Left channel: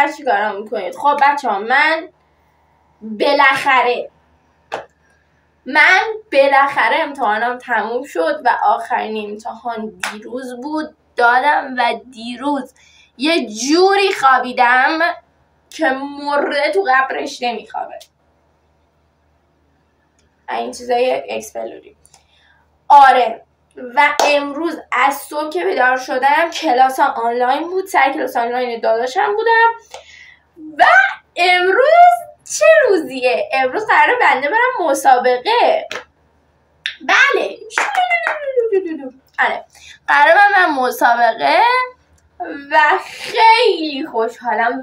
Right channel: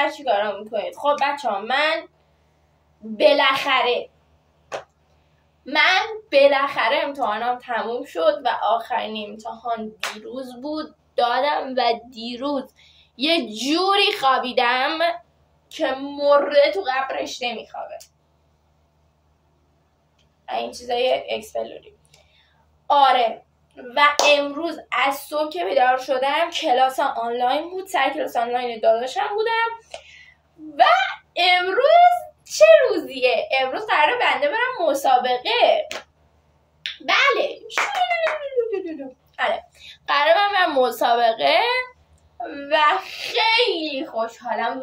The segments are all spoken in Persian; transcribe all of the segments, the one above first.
آخر چی کارم میکنید؟ خب بچه ها من بالاخره امتحانم تموم شد و آخرین امتحان دیروز بود دادم و دیروز یه جوری خوابیدم که مرده تو قبرش نمیخوابه. این چیزای اکسپلوری. آره و امروز از صبح که بیدار شدم کلاس آنلاین بود، سر کلاس آنلاین داداشم بودم و امروز چه روزیه؟ امروز قراره بنده برم مسابقه. بله قراره برم مسابقه و خیلی خوشحالم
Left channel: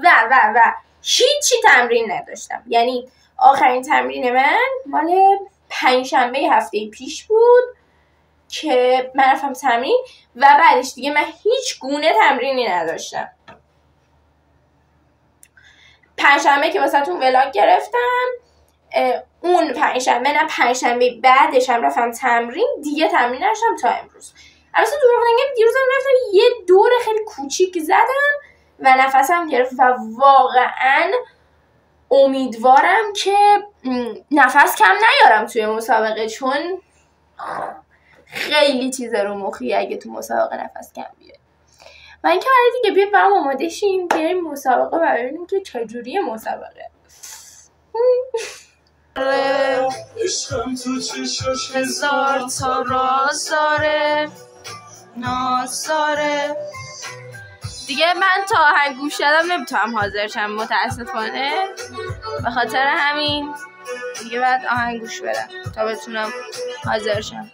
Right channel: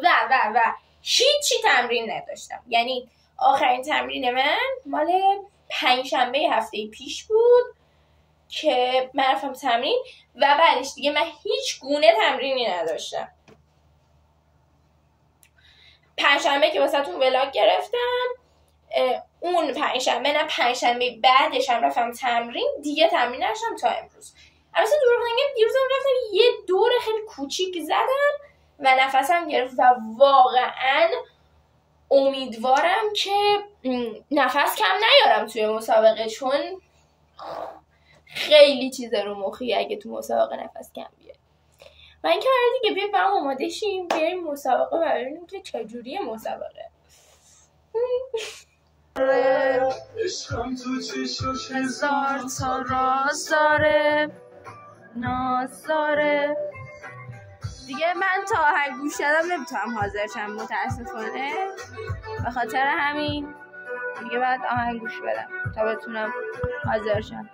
و هیچی تمرین نداشتم. یعنی آخرین تمرین من مال پنجشنبه هفته پیش بود که من رفتم تمرین و بعدش دیگه من هیچ گونه تمرینی نداشتم. پنجشنبه که واسه تون ولاگ گرفتم اون پنجشنبه نه پنجشنبه بعدش هم رفتم تمرین، دیگه تمرین نداشتم تا امروز. البته دروغ نگم دیروز هم رفتم یه دور خیلی کوچیک زدم و نفسم گرفت و واقعا امیدوارم که نفس کم نیارم توی مسابقه، چون خیلی چیز رو مخی اگه تو مسابقه نفس کم بیاری. و اینکه برای دیگه بیایم با هم آماده شیم بریم مسابقه و ببینیم که چجوریه مسابقه. عشقم تو چشاش هزار تا راز داره ناز داره. دیگه من تا آهنگ گوش دادم نمیتونم حاضر شم متاسفانه، به خاطر همین دیگه بعد آهنگ گوش بدم تا بتونم حاضر شم.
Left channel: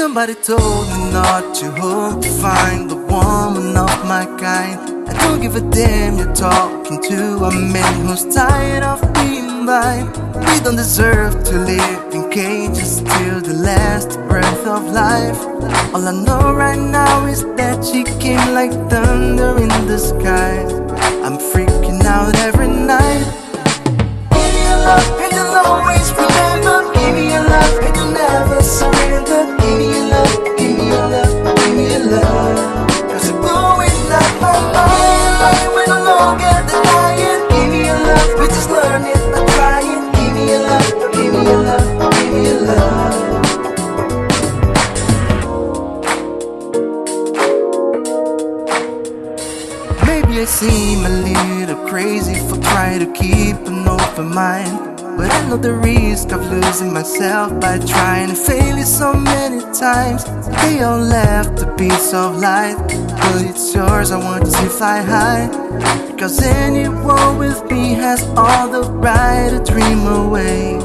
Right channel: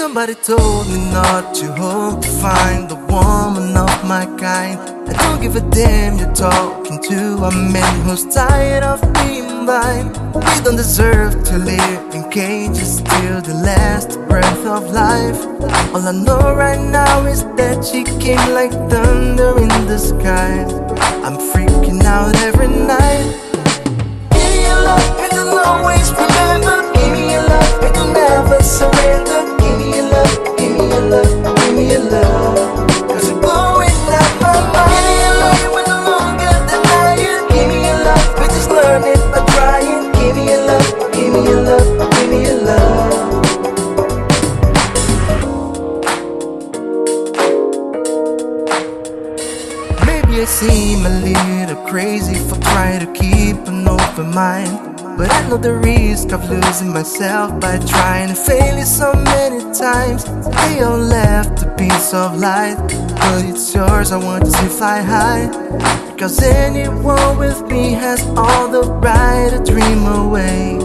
Somebody told me not to hope to find the woman of my kind. I don't give a damn you're talking to a man who's tired of being blind. We don't deserve to live in cages till the last breath of life. All I know right now is that she came like thunder in the sky. I'm freaking out every night. Give me your love and you'll always remember. Give me your love and you'll never surrender. Give me your love, give me your love, give me your love. Cause you're blowing up my mind. We're no longer denying. Give me your love, we just learn it by trying. Give me your love, give me your love, give me your love. Maybe I seem a little crazy for trying to keep an open mind, but I know the risk of losing myself by trying to fail it so many times. They all left a piece of light, but it's yours, I want to see fly high. Because anyone with me has all the right to dream away.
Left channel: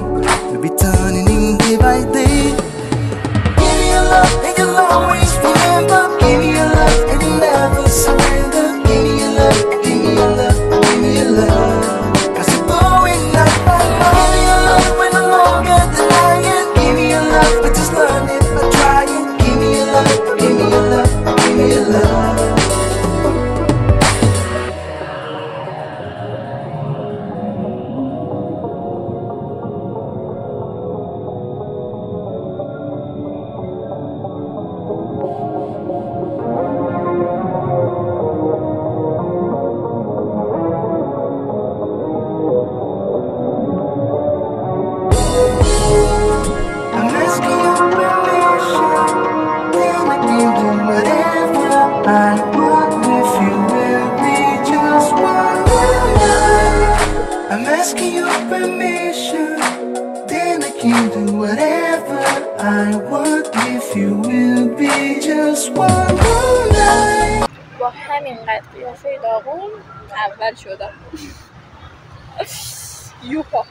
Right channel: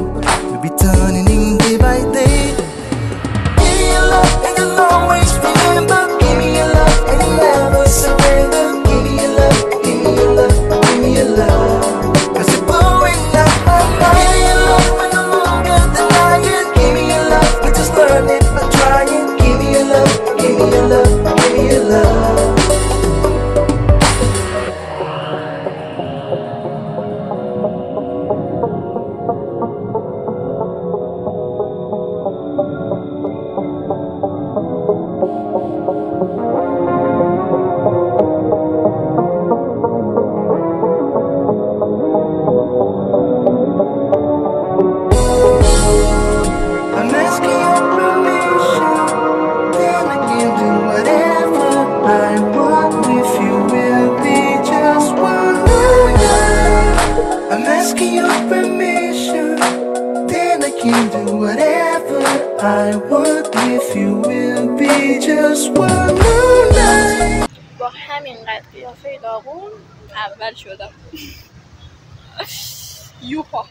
We'll be turning in day by day. Give me your love and you'll always remember. Give me your love and you'll never surrender. Give me your love, give me your love, give me your love. Cause you're blowing up my mind. We're no longer denying. Give me your love, we just learn it by trying. Give me your love, give me your love, give me your love. I'm asking your permission, then I can do whatever I want if you will be just one night. I'm asking your permission, then I can do whatever I want if you will be just one night. با همین قیافه داغون اول شدم. یوها.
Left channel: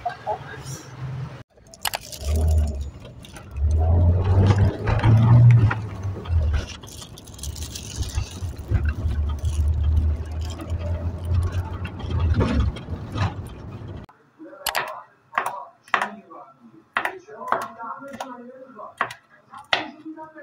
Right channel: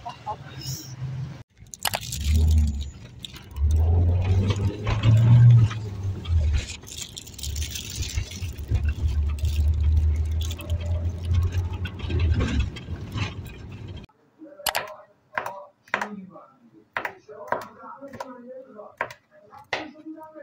سلام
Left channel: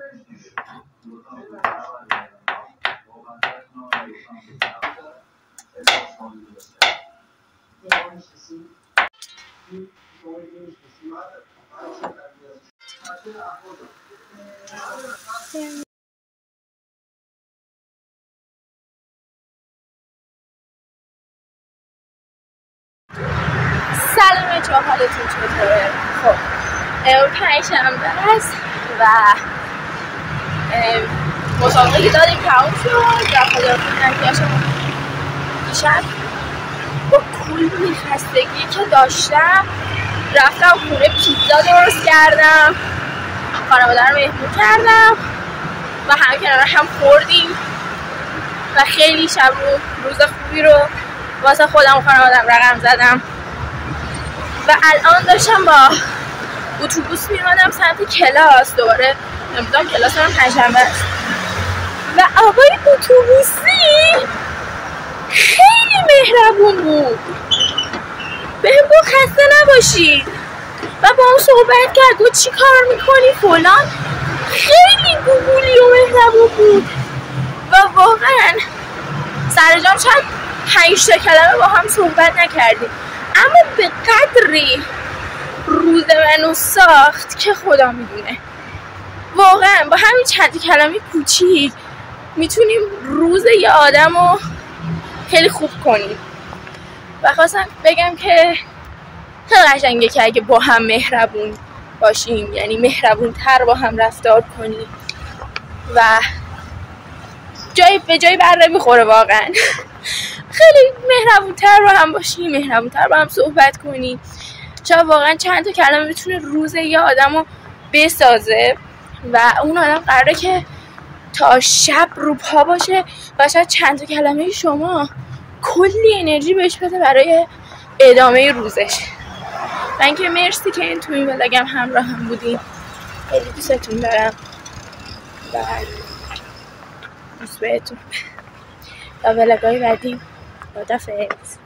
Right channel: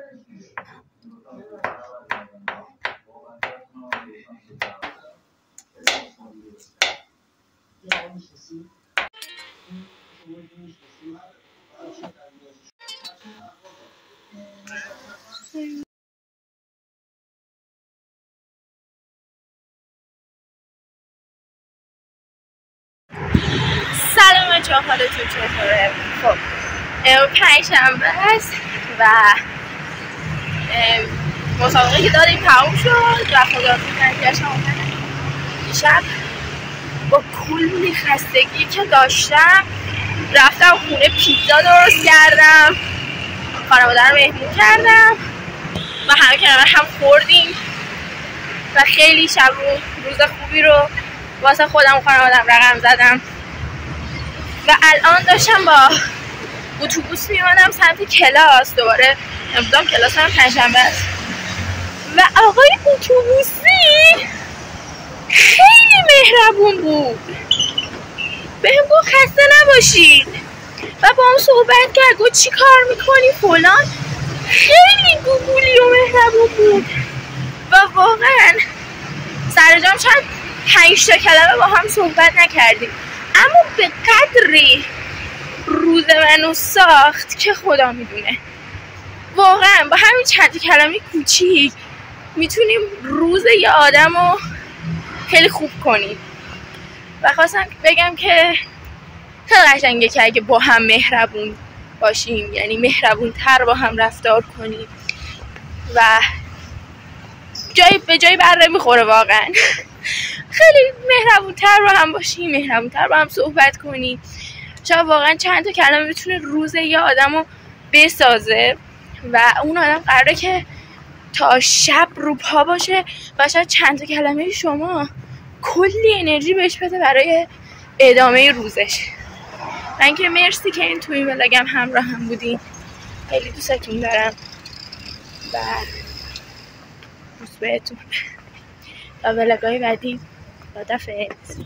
بچه‌ها، حالتون چطوره؟ خب پنجشنبه است و مسابقه که داریم تموم شد و خداحافظی نکردم. دیشب با کلی خستگی که داشتم رفتم خونه پیتزا درست کردم، خانواده رو مهمون کردم و همه کنار هم خوردیم و خیلی شب روز خوبی رو واسه خودم و خانواده‌ام رقم زدم و الان داشتم با اتوبوس میمانم سمت کلاس. دوباره امروز کلاس هم پنجشنبه است و آقای اتوبوسی خیلی مهربون بود، بهم گفت خسته نباشید و با اون صحبت کرد، گفت چی کار میکنی فلان. خیلی گوگولی و مهربون بود و واقعا سرجام چند 5 تا کلمه با هم صحبت نکردیم، اما به قدری روز منو ساخت که خدا میدونه. واقعا با همین چند کلمه کوچیک میتونیم روز یه آدم رو خیلی خوب کنیم و خواستم بگم که خیلی قشنگه که اگه با هم مهربون باشیم، یعنی مهربون تر با هم رفتار کنیم و به جای بر نمیخوره. واقعا خیلی مهربون تر با هم باشیم، مهربون تر با هم صحبت کنیم. شاید واقعا چند تا کلمه میتونه روز یه آدم رو بسازه و اون آدم قراره که تا شب رو پا باشه و شاید چند تا کلمه شما کلی انرژی بهش بده برای ادامه روزش. من که مرسی که تو این ولاگم همراه هم بودین، خیلی دوستتون دارم و دوست بهتون. تا ولاگای بعدی خدافظ.